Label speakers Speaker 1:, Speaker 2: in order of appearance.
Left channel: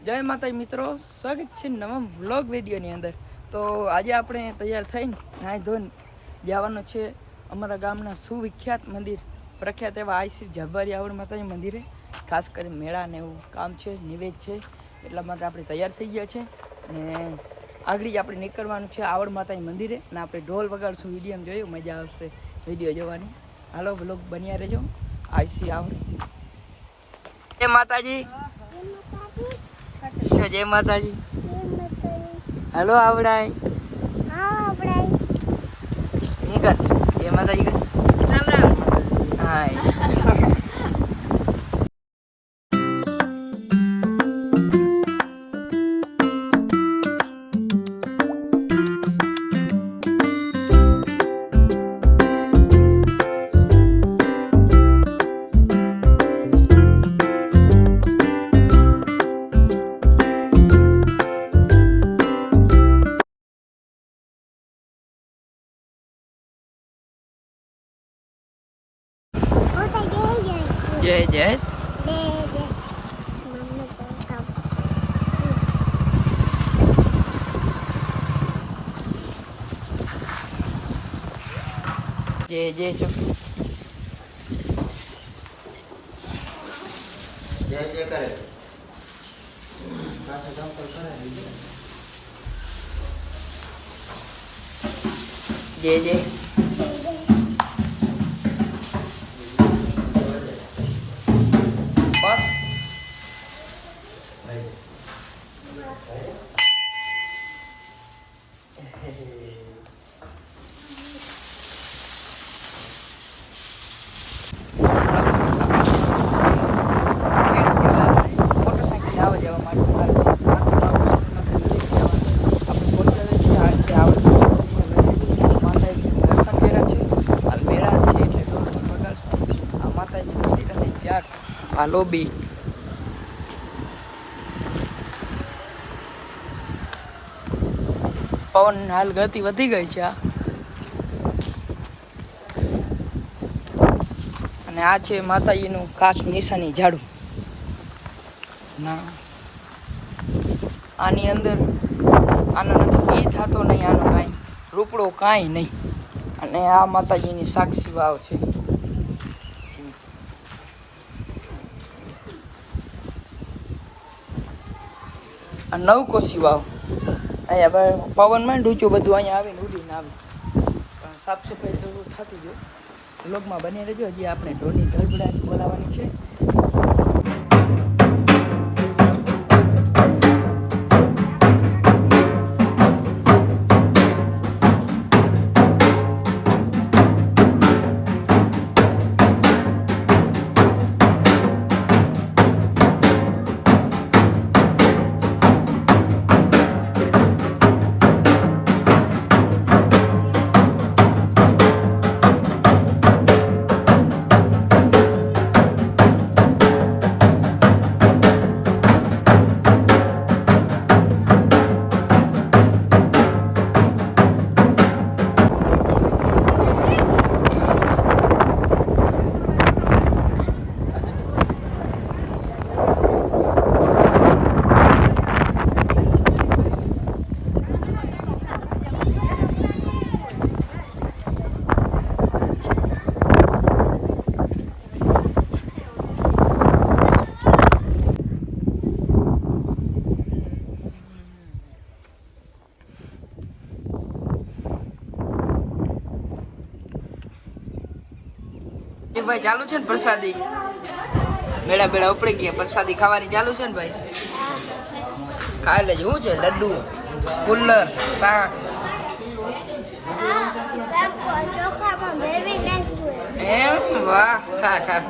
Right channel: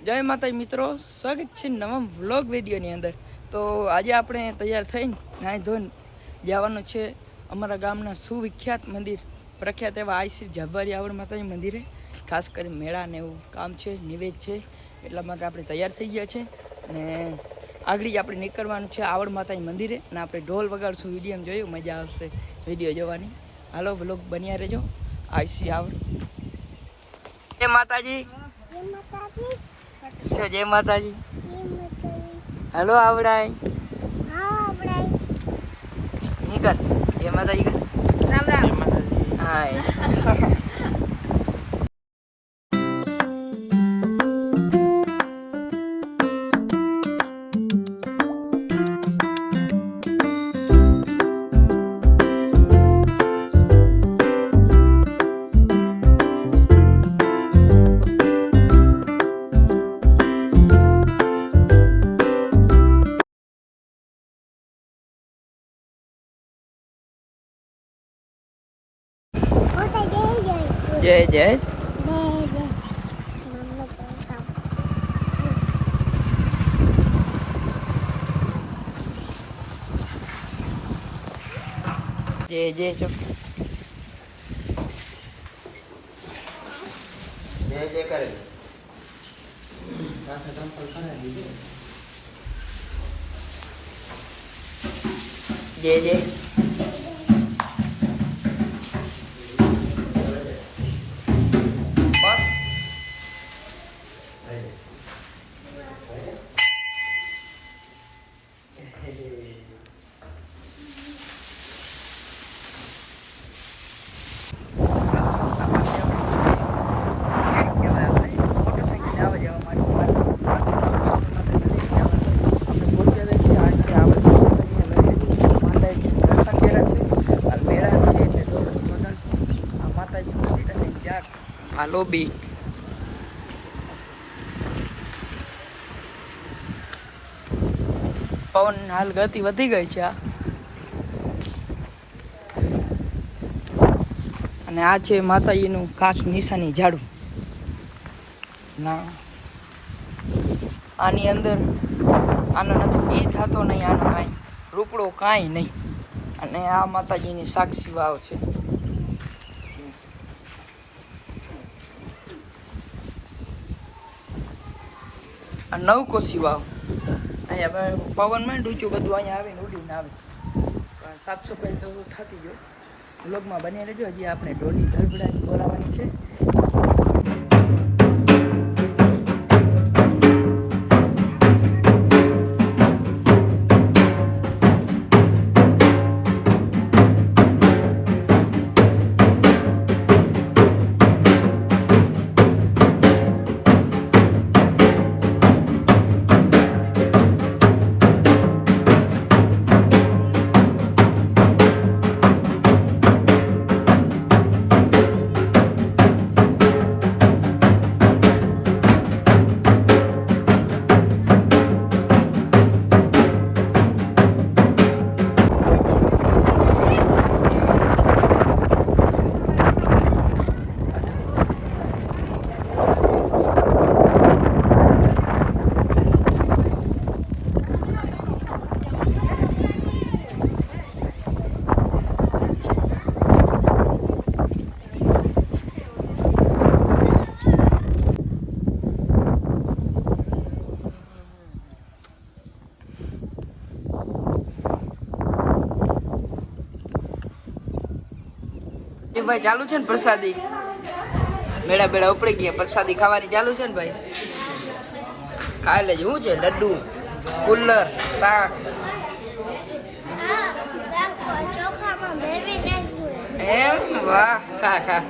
Speaker 1: જય માતા મિત્રો, સ્વાગત છે નવા વ્લોગ વિડીયોની અંદર. તો આજે આપણે તૈયાર થઈને નાહી ધોઈને જવાનું છે અમારા ગામના સુવિખ્યાત મંદિર, પ્રખ્યાત એવા આઈસી જબ્બારી આવડ માતાજી મંદિરે. ખાસ કરી મેળા ને એવું કામ છે, નિવેદ છે, એટલા માટે આપણે તૈયાર થઈ ગયા છે. અને આગળ આપણે નીકળવાનું છે આવડ માતાજી મંદિરે અને આપણે ઢોલ વગાડશું વીડિયો જોયું, મજા આવશે વીડિયો જોવાની. હાલો વ્લોગ બન્યા રહેજો, આઈસી આવડ. જય માતાજી છો જય માતાજી. હલો આવડાય. નહીં કર જય માતાજી. કર હાય. જય જય જય જય ચો જય જય આ લોબી. પવન હાલ ગતિ વધી ગઈ છે અને આ છે માતાજીનું ખાસ નિશાની ઝાડુ. ના. આની અંદર આનો નથી બી થતો નહીં, આનો કાંઈ, રૂપડો કાંઈ નહીં. અને આ માતાજીની સાક્ષી વાવ છે. આ નવ કોશી વાવ અહીંયા પવનમાં ડૂચું બધું અહીંયા આવે ને ઉડીને આવે. પણ સાફ સફાઈ તો થતી જો લોગમાં બની રહેજો. હજી આપણે ઢોની ધડબડાટ બોલાવવાની છે. એ ભાઈ ચાલુ છે ને પ્રસાદી? મેળા મેળા ઉપડી ગયા પ્રસાદી ખાવાની ચાલુ છે ને ભાઈ? ખાઈ લેજો શું છે? લડ્ડુ કુલ્લર શાક. એમ? વાહ ખા ખા.